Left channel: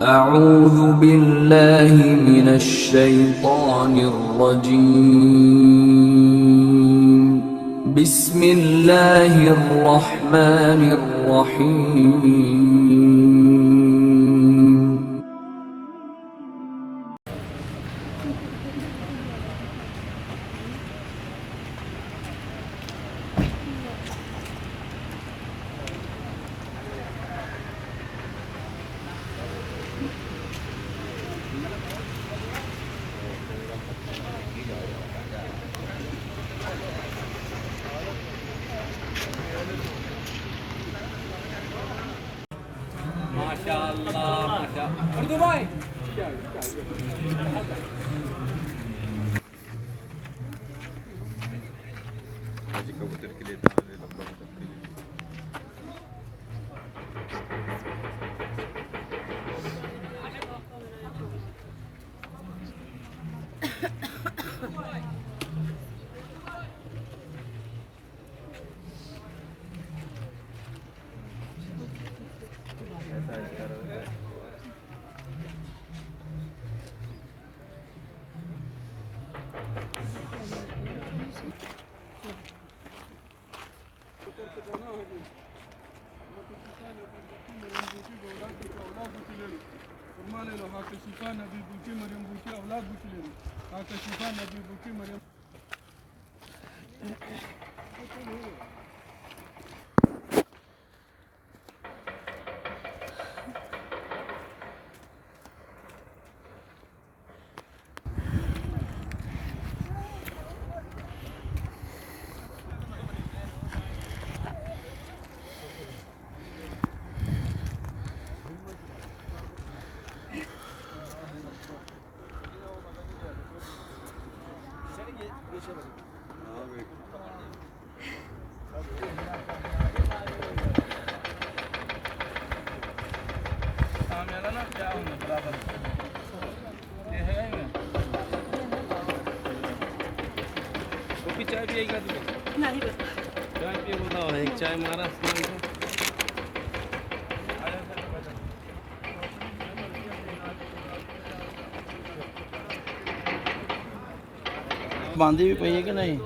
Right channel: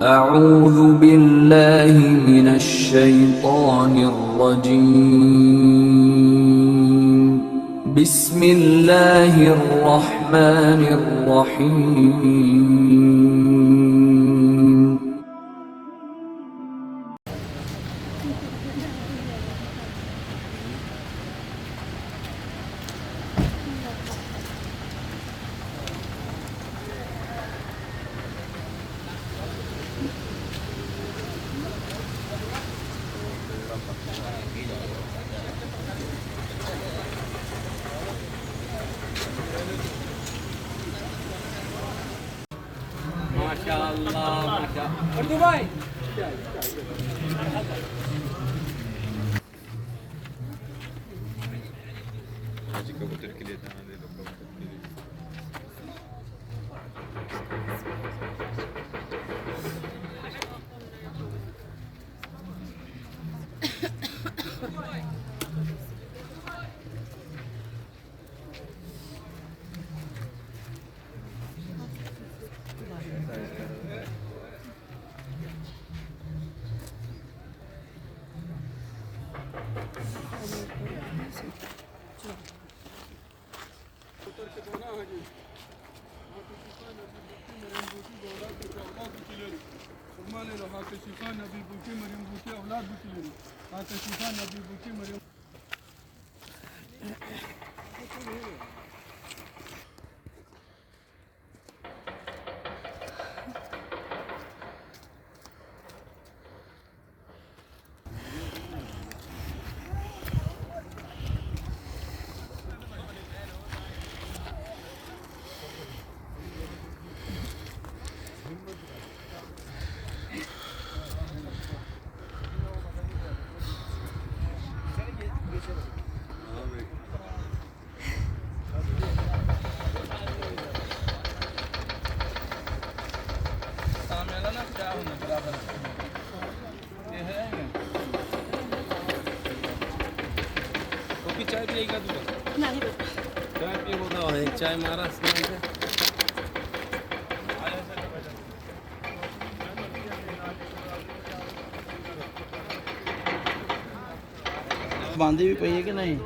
أعوذ بالله من الشيطان الرجيم بسم الله الرحمن الرحيم माशाअल्लाह उर्दू भाई कबूतर के लिए लंबा चाय पिएगा तू? नहीं चाय पिए होता है एक चाय मारा बांधी भी पई है कि नहीं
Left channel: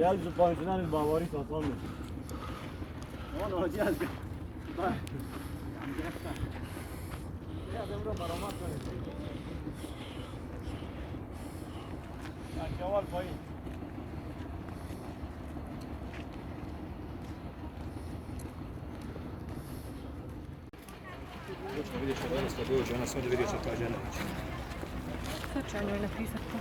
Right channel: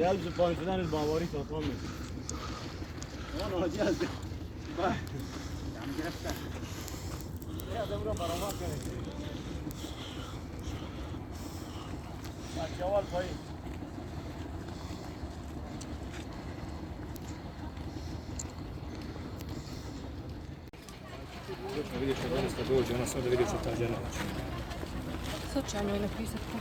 Gel şu pansidan biz bavari satamıyoruz. Ona gel. Bak. Ya da bura maramak var. Aşağı koy. Sırf yani öyle bir sakın.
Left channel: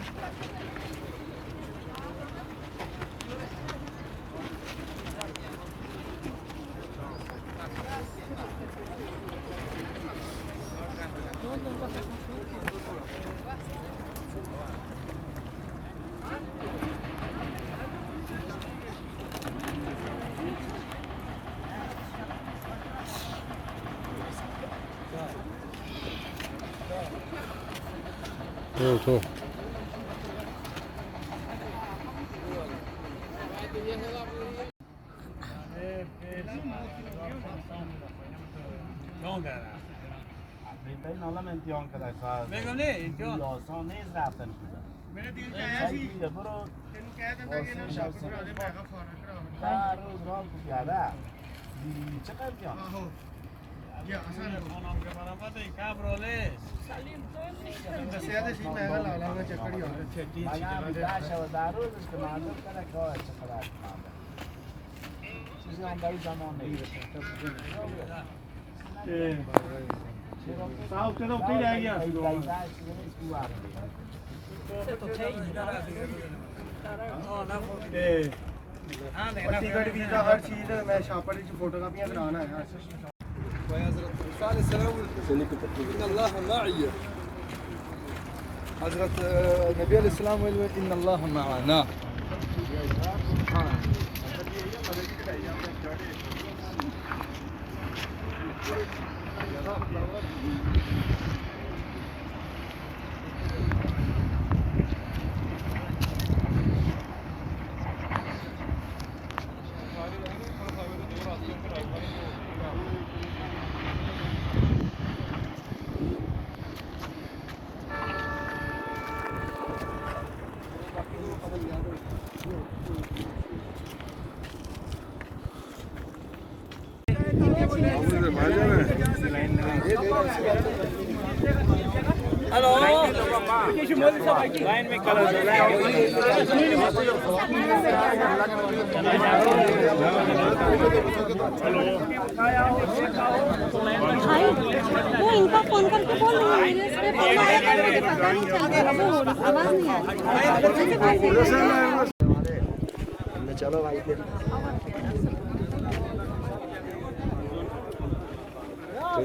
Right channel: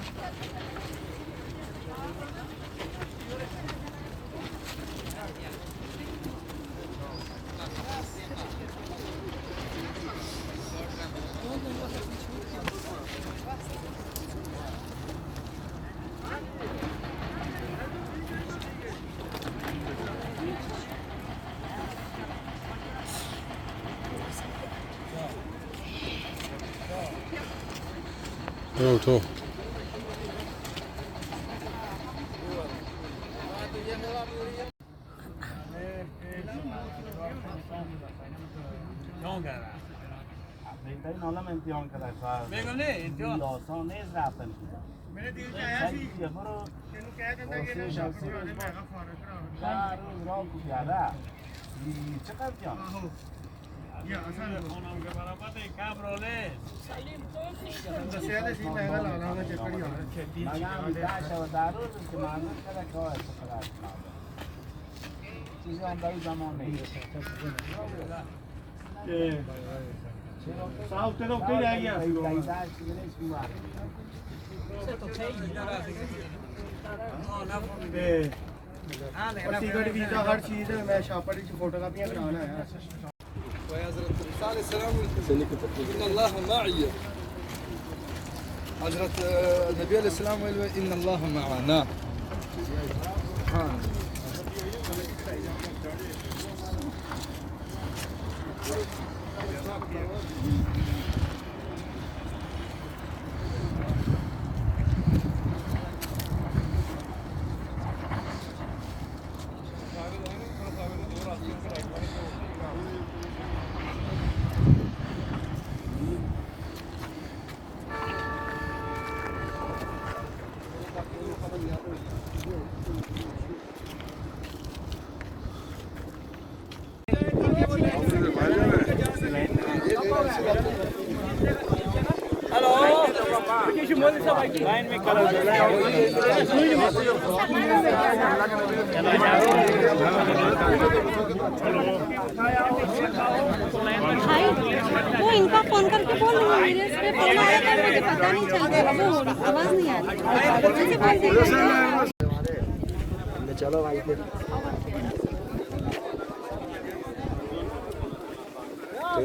उठो बेगम ने आसान नहीं रफten मैंने दिल चाहा सी तेनु कह दूंगा कि ना शादी वाले मैं का फोन यार रोज ज्यादा चकर क्या या आसान फोन के बराबर है का ब्रोले बस याद है सी मैं ला लाऊंगा चक्कर ही और चेक की दारू इस्तेमाल करा का चक्कर चीजें अंदर जमा नहीं साहब तेरे को रह गया सिक्योरिटी वीजा हर चीज है मैं शापर की फोटोकॉपियां कराना है हजरत नबी अलैहिस्सलाम इन अल्लाह मअना हेलो लाइन में कलर वो इनका फोन करके बोल रहे मेरे इस पे फोन आया था मुझे पता नहीं चल गया वो आवाज नहीं आ रही चलो भाई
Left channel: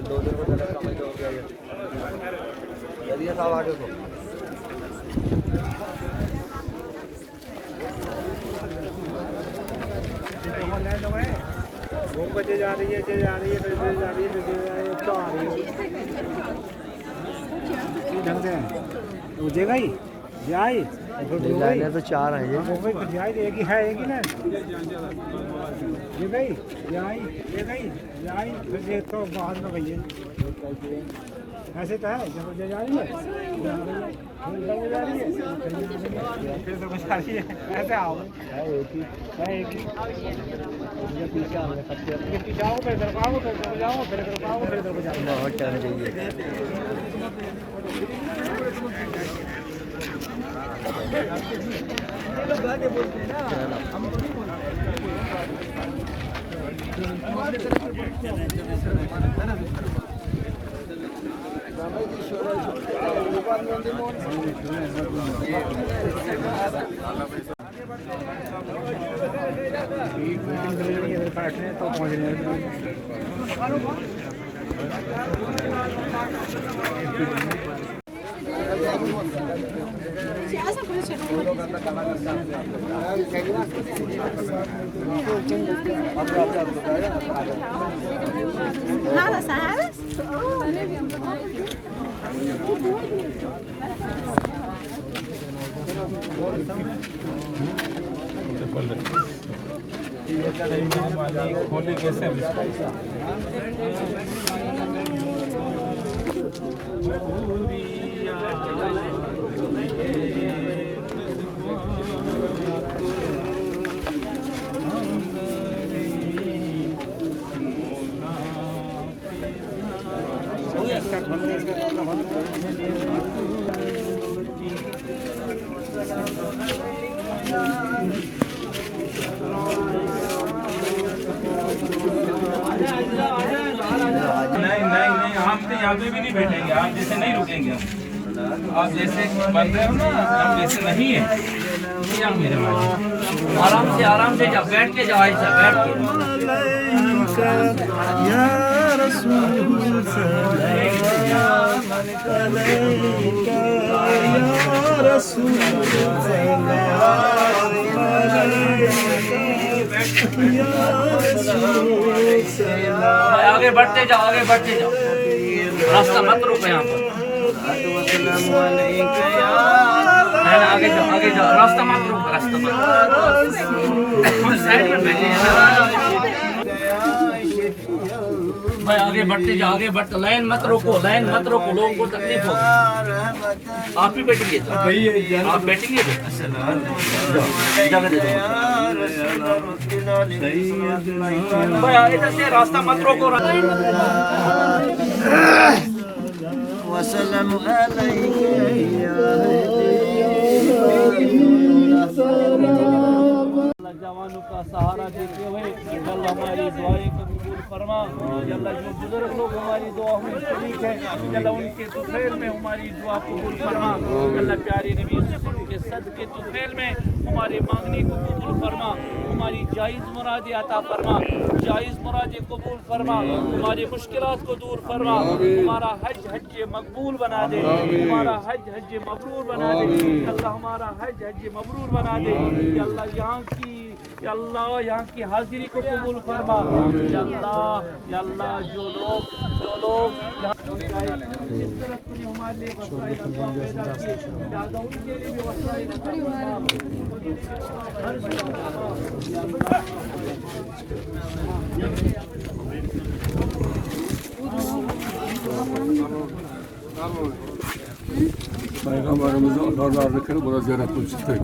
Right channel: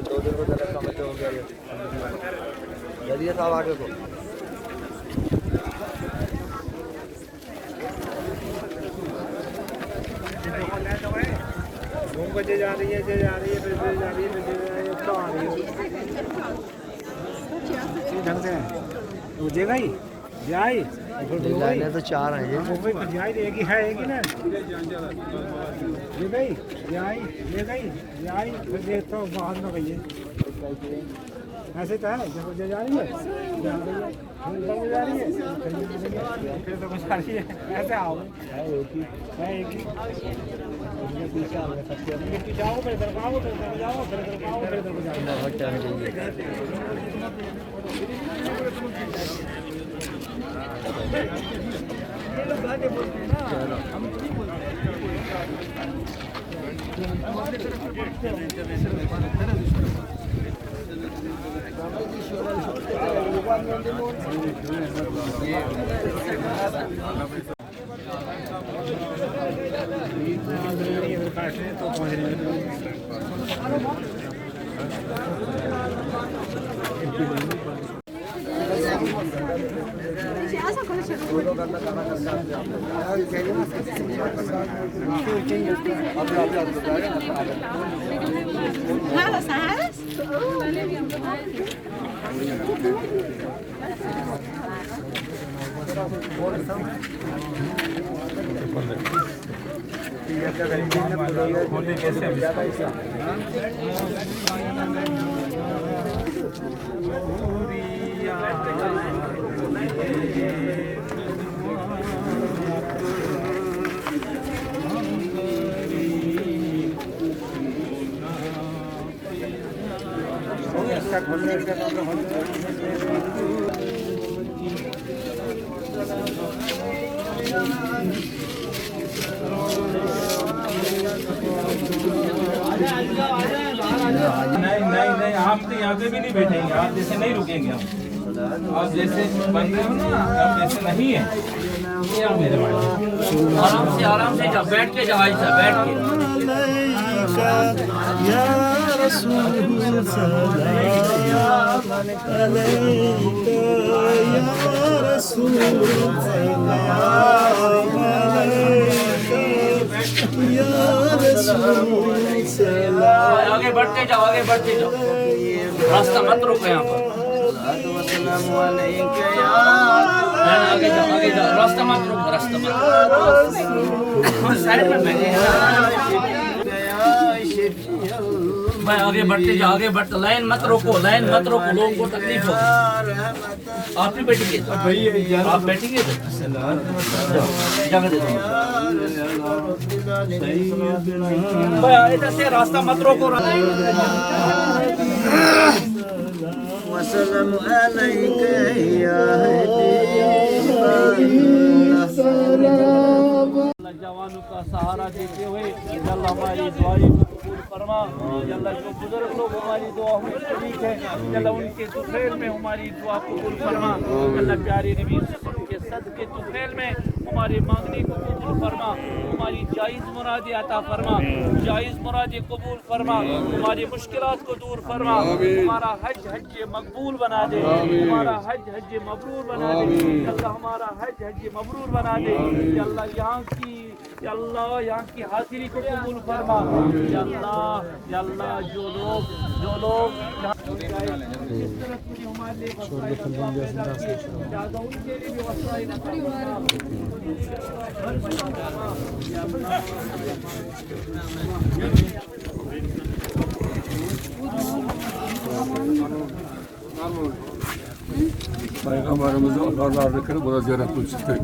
दो दिन को जरा समझ हो गया यदि साहब आगे को घूम बजे जा रही है फिर जा रही है फिर जा रही है तो आ रही है ढंग से वो देगा ही जाए तो चार है ये मुंबई तो जाए देगी है एक ना ये गई जाए ये गई जाए फिर ये तो बाद में गई है ऐसे तो है जब जा रही है जा रही है फिर तो कुछ आ रही है ऐसे आओ है एक ही पीछे आ गया सबके अपने पीछे आओ फिर इधर आओ फिर इधर जाओ फिर इधर आओ फिर इधर जाओ बहुत टाइम चाहिए चलो तो पहुँचने Nada, ¿sabes? होली कैसे नहीं आप तो यहाँ पे भी नहीं बैठेंगे, आप जैसे नहीं रुकेंगे हम। आप जैसे बन रहे हो ना, आप जैसे नहीं है यहाँ मेरे भाई। आराम से जाओ, बैठ के जाओ, ऐसा बैठ के। आगे बढ़ते जाओ, आगे बढ़ते जाओ, रास्ता मत रोको यहाँ पर। आगे जाओ, आगे जाओ, रास्ता मत रोको, रास्ता मत। हम साइड में बैठे हैं भाई, आगे बढ़ते जाओ, आगे बढ़ते, लाइन मत रोको, लाइन मत रोको, लोगों को तकलीफ होगी। आप ही बैठेंगे, आप बैठेंगे भाई, ऐसे रास्ता मत रोको। वसल्लम अलैका जवानों का सहारा देते हुए अल्लाह हमारी दुआएं को कबूल फरमा। अल्लाह जो बुजुर्ग लोग हमारी दुआ में शरीक है, अल्लाह उनके तुफैल में हमारी दुआ कबूल फरमा। अल्लाह प्यारे नबी के सदके तुफैल में हमारे मांगने को कबूल फरमा, हमारी जायज़ मुरादें अता फरमा, जायज़ मुरादें कबूल फरमा, हमारी मुश्किलात को दूर फरमा, हमारा हज मकबूल बना दे, हमारा हज मकबूल बना दे, अल्लाह हमारा हज मबरूर बना दे। अल्लाह यहाँ की हाजिरी को कबूल फरमा। अल्लाह जो लोग जिस तरह तूने हमारे लिए वसाइल असबाब पैदा किए, दादा उनके लिए भी वसाइल Peygamberimizi Allah razı olsun. Burada ziyaret kıldık.